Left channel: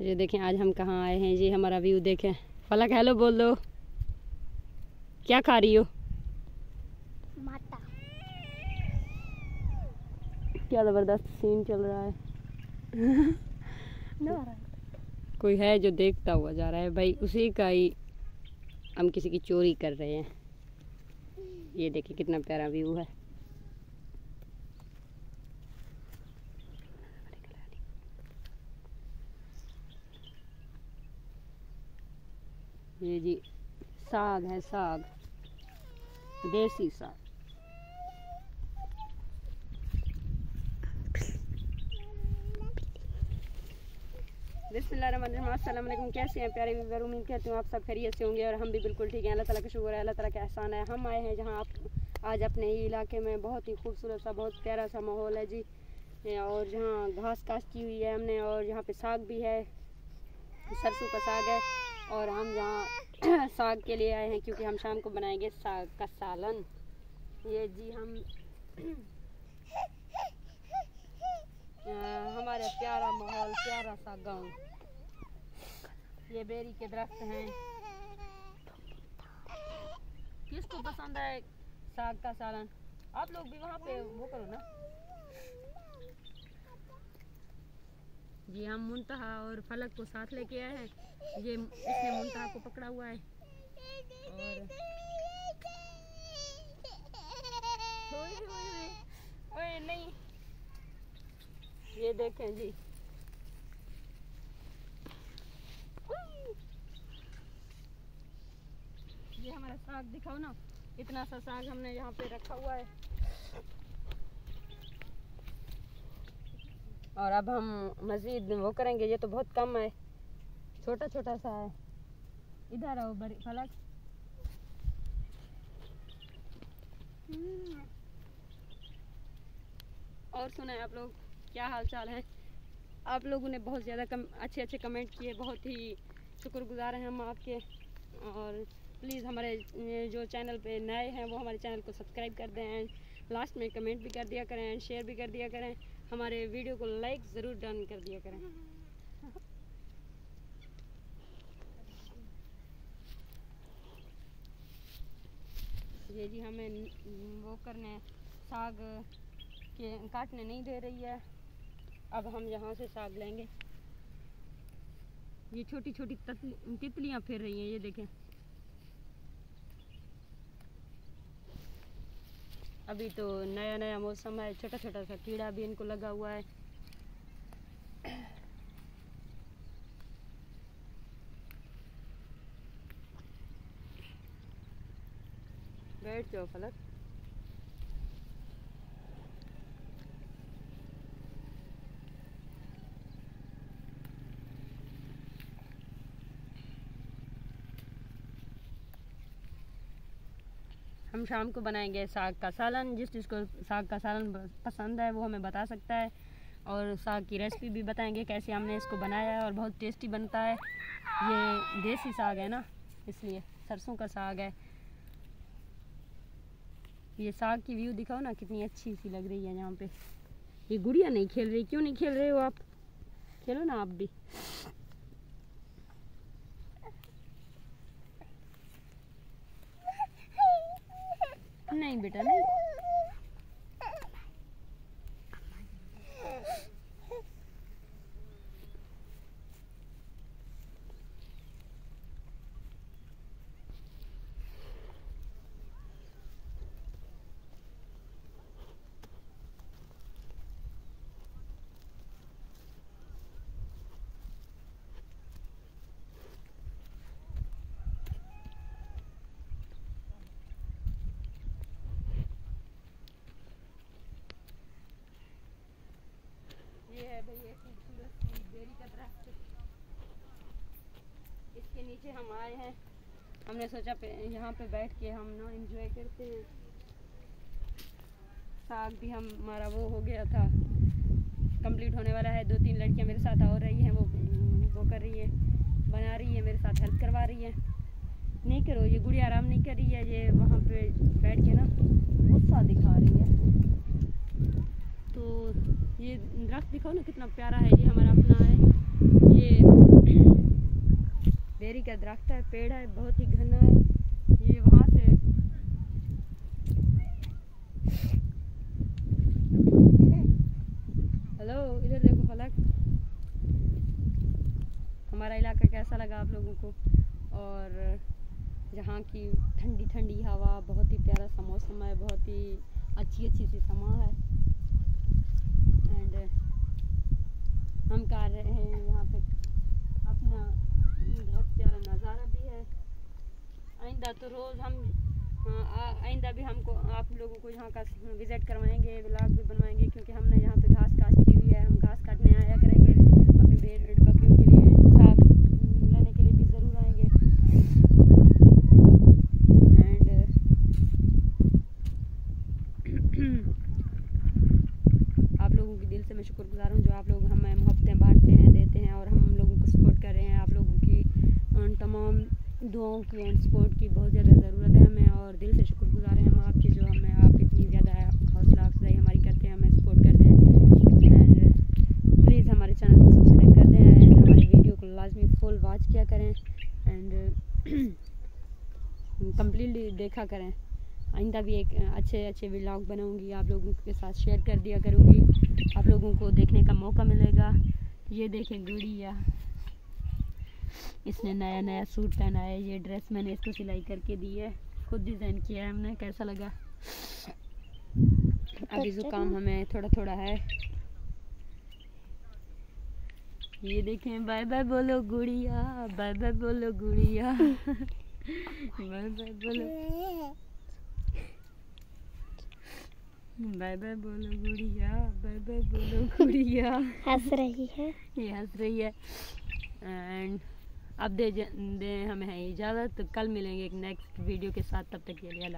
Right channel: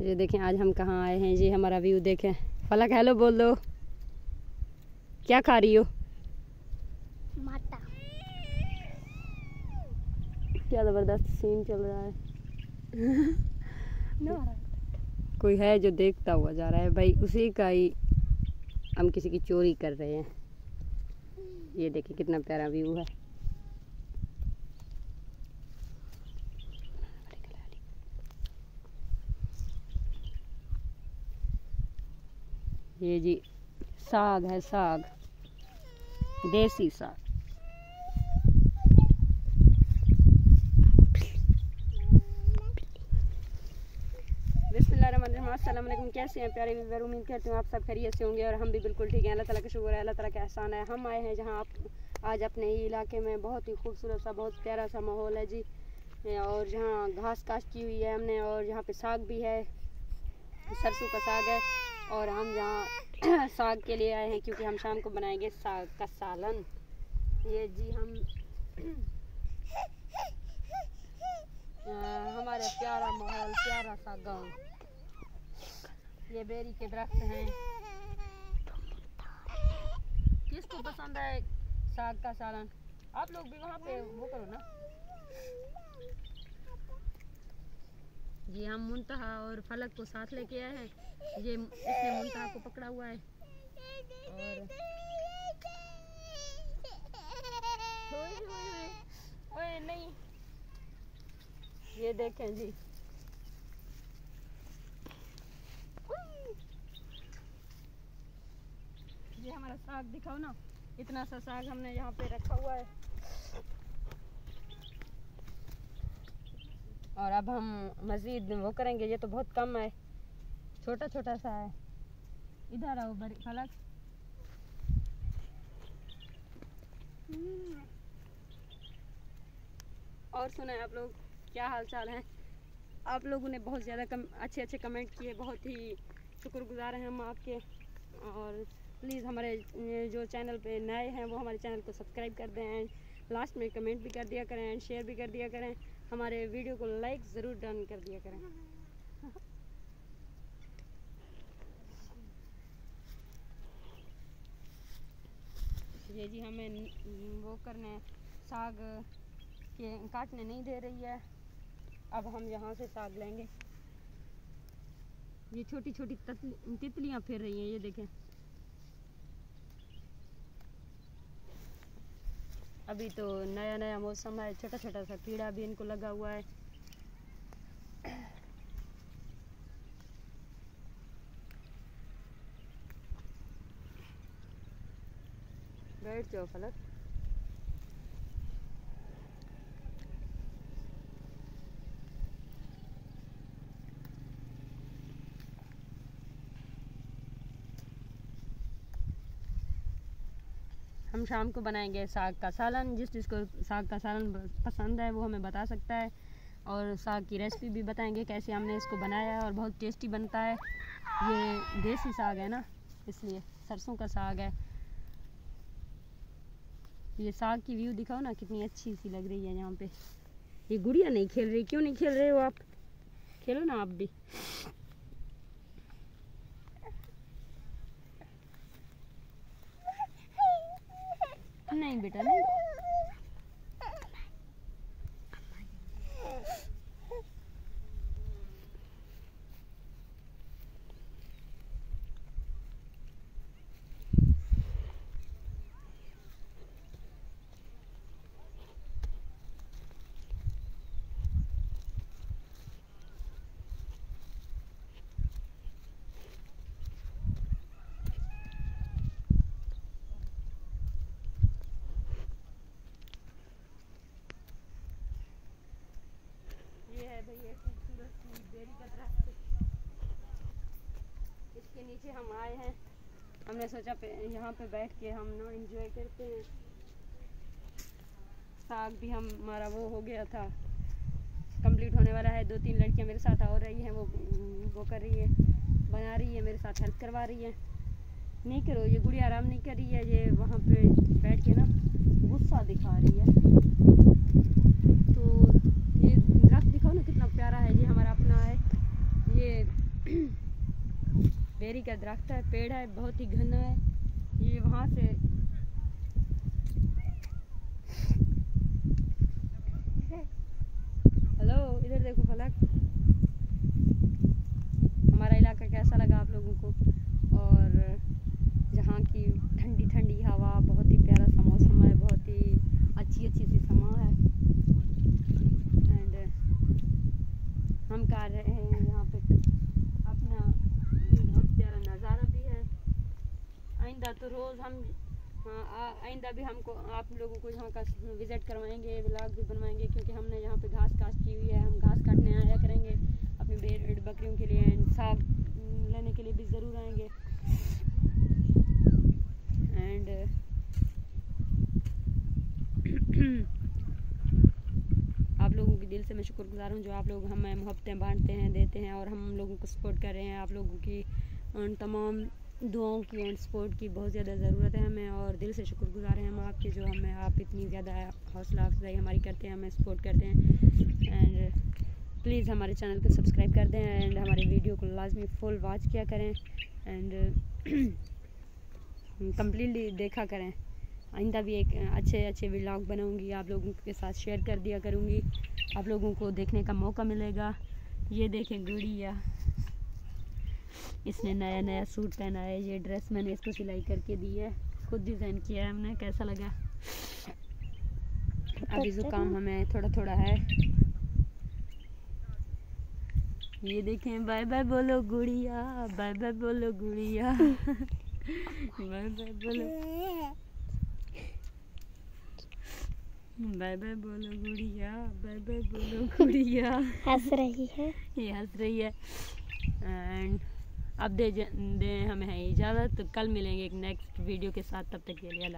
ये देखें आज हम कहाँ आए हैं, ये हमारा व्यू देखें। फलक हेलो बोल दो, क्या खा रही हो? माता। क्या ज़बरदस्त सीन चल रहा है। कोई है जो देखता हुआ जा रहा है भाई, उसी का ही हम किसी की चोरी कर रहे हैं। ये देखिए कितना प्यारा व्यू है। ये जी साग है, साग, देसी साग। बिस्मिल्लाहिर्रहमानिर्रहीम। अस्सलाम वालेकुम। कैसे हैं प्यारे व्यूअर? उम्मीद करती हूँ आप सब खैरियत से होंगे और हम भी बिल्कुल ठीक हैं। अल्लाह ताला का शुक्र है, अल्लाह ताला का एहसान है। हम आए हैं जहाँ आप आज अपने ही इलाके में बहुत ही खूबसूरत सा, बहुत प्यारा सा माहौल है जी, और जहाँ घास काश्त की हुई है हमने, और यहाँ पे साग भी है, सरसों का साग है। और हम यहाँ साग के लिए आए हैं क्योंकि हम शाम को बनाएंगे साग का सालन। ये जी हम हमारे प्यारा माहौल, प्यारा सा गांव। ये बेरी के दरख्त हैं। किसको पसंद है साग का सालन? आप लोग भी वहाँ पे वो करो ना। जी हम मुंतहा और फलक को साथ लेके आए हैं। ये इसने मुंतहा को पकड़ा हुआ है और ओए नहीं, ये देखें जी, ये हमारा साग दिखाओ ना, इतना सा साग हमने यहाँ पे रखा हुआ है। और अब हम मज़ीद वो करेंगे। ये तो बहुत कम है, छोटा छोटा सा है। इधर आओ बड़ी फलक। और सुने आप लोग, क्या हाल चाल है? आप लोगों ने बहुत ज़्यादा अच्छे अच्छे कमेंट किए, बहुत ही शुक्रगुजार हैं हम आपके। और प्लीज़ हमारे जो चैनल पे नए हैं वो हमारे चैनल को सब्सक्राइब कर दें, लास्ट में कमेंट भी कर दिया करें, शेयर भी कर दिया करें, हमारे वीडियो को लाइक ज़रूर डन कर दिया करें। ये जी हमें वो करने, साग के काटने नहीं दे रही है। अब हम यहाँ से साग लेंगे। ये छोटी छोटी तितलियाँ फिर रही हैं, ये देखें। अभी तो नया नया मौसम है, छोटा छोटा सा कीड़ा भी इनको लगा हुआ है। बैठ जाओ फलक। हम शाम को बनाएंगे साग का सालन। जिसको साग का सालन पसंद है वो हमें बता सकता है, और साग की रेसिपी भी बताएंगे कैसे हमने इसको बनाया है, और बहुत टेस्टी बनता है। ये देसी साग है ना, इसलिए सरसों का साग है। ये साग की व्यू दिखाओ ना, कितनी अच्छी सी लग रही है यहाँ पे। ये गुड़िया नहीं खेल रही, क्यों नहीं खेल रहे हो आप? खेलो ना आप भी। नहीं बेटा नहीं। ये है भाई एक खूबसूरत सी बेरी का दरख्त, इसके नीचे हम आए हैं। हमने सोचा यहाँ पे बैठ के हम ना एंजॉय करते हैं। साग भी हमारा वो हो गया था, कंप्लीट होने वाला है। 2-3 लड़कियाँ मेरे साथ और रही हैं, वो कर रही है, बना रही है, मेरे साथ हेल्प करवा रही है। नहीं करो, ये गुड़िया आराम नहीं कर रही है, ये वहाँ पे बैठ के ना गुस्सा दिखा रही है। तो ये दरख्त दिखाओ ना कितना प्यारा है, ये हमारा अपना है। ये दरख्त है, पेड़ है, बहुत ही घना है। ये वहाँ से हेलो, इधर देखो फलक। हमारा इलाका कैसा लगा आप लोगों को? और यहाँ की ठंडी ठंडी हवा, बहुत ही प्यारा सा मौसम है, बहुत ही अच्छी सी समा है। एंड हम कर रहे हैं यहाँ पे अपना बहुत प्यारा नज़ारा भी है। आइंदा तो रोज़ हम आइंदा भी हमको आप लोगों को यहाँ का विज़िट करवाएंगे, व्लॉग भी बनवाएंगे, क्योंकि हमने यहाँ पे घास काट की हुई है। हम घास काटने आया करेंगे, अपनी भेड़ बकरियों के लिए साग लेने के लिए भी ज़रूर आएंगे। एंड आप लोगों के दिल से मैं शुक्रगुजार हूँ जो आप लोग हमें मोहब्बतें बांटते हैं, देते हैं और हम लोगों को सपोर्ट कर रहे हैं। आप लोगों की तमाम दुआओं की एंड सपोर्ट की बहुत ज़्यादा ज़रूरत है हमें, और दिल से शुक्रगुजार हैं हम आपके, जो हमें आप इतनी ज़्यादा हौसला अफजाई हमारी करते हैं, हमें सपोर्ट करते हैं। एंड प्लीज़ हमारे चैनल को सब्सक्राइब कर दें एंड हमारे वीडियो को लाजमी फुल वॉच किया करें एंड कम्प्लीटली देखा करें। आइंदा भी एक अच्छे व्लॉग बनाऊंगी, आप लोगों के साथ शेयर कर दिया करूंगी, आप लोगों को देखने का मौका मिलेगा। ये देखें गुड़िया, इसने नया सूट पहना है। ये ड्रेस मैंने इसको सिलाई करके दी है, खुद डिज़ाइन किया है हमने। कैसा लगा? अभी जुकाम हमें थोड़ा है। ये देखें, बाय बाय बोलो गुड़िया, बाय बाय बोलो गुड़िया, बाय बाय बोलो, बाय बाय बोलो गुड़िया, बाय बाय बोलो गुड़िया। हंस रही है, ये हंस रही है। एंड अब दे हमें है इजाज़त। तो कल मिलेंगे एक नेक्स्ट वीडियो के साथ, तब तक के लिए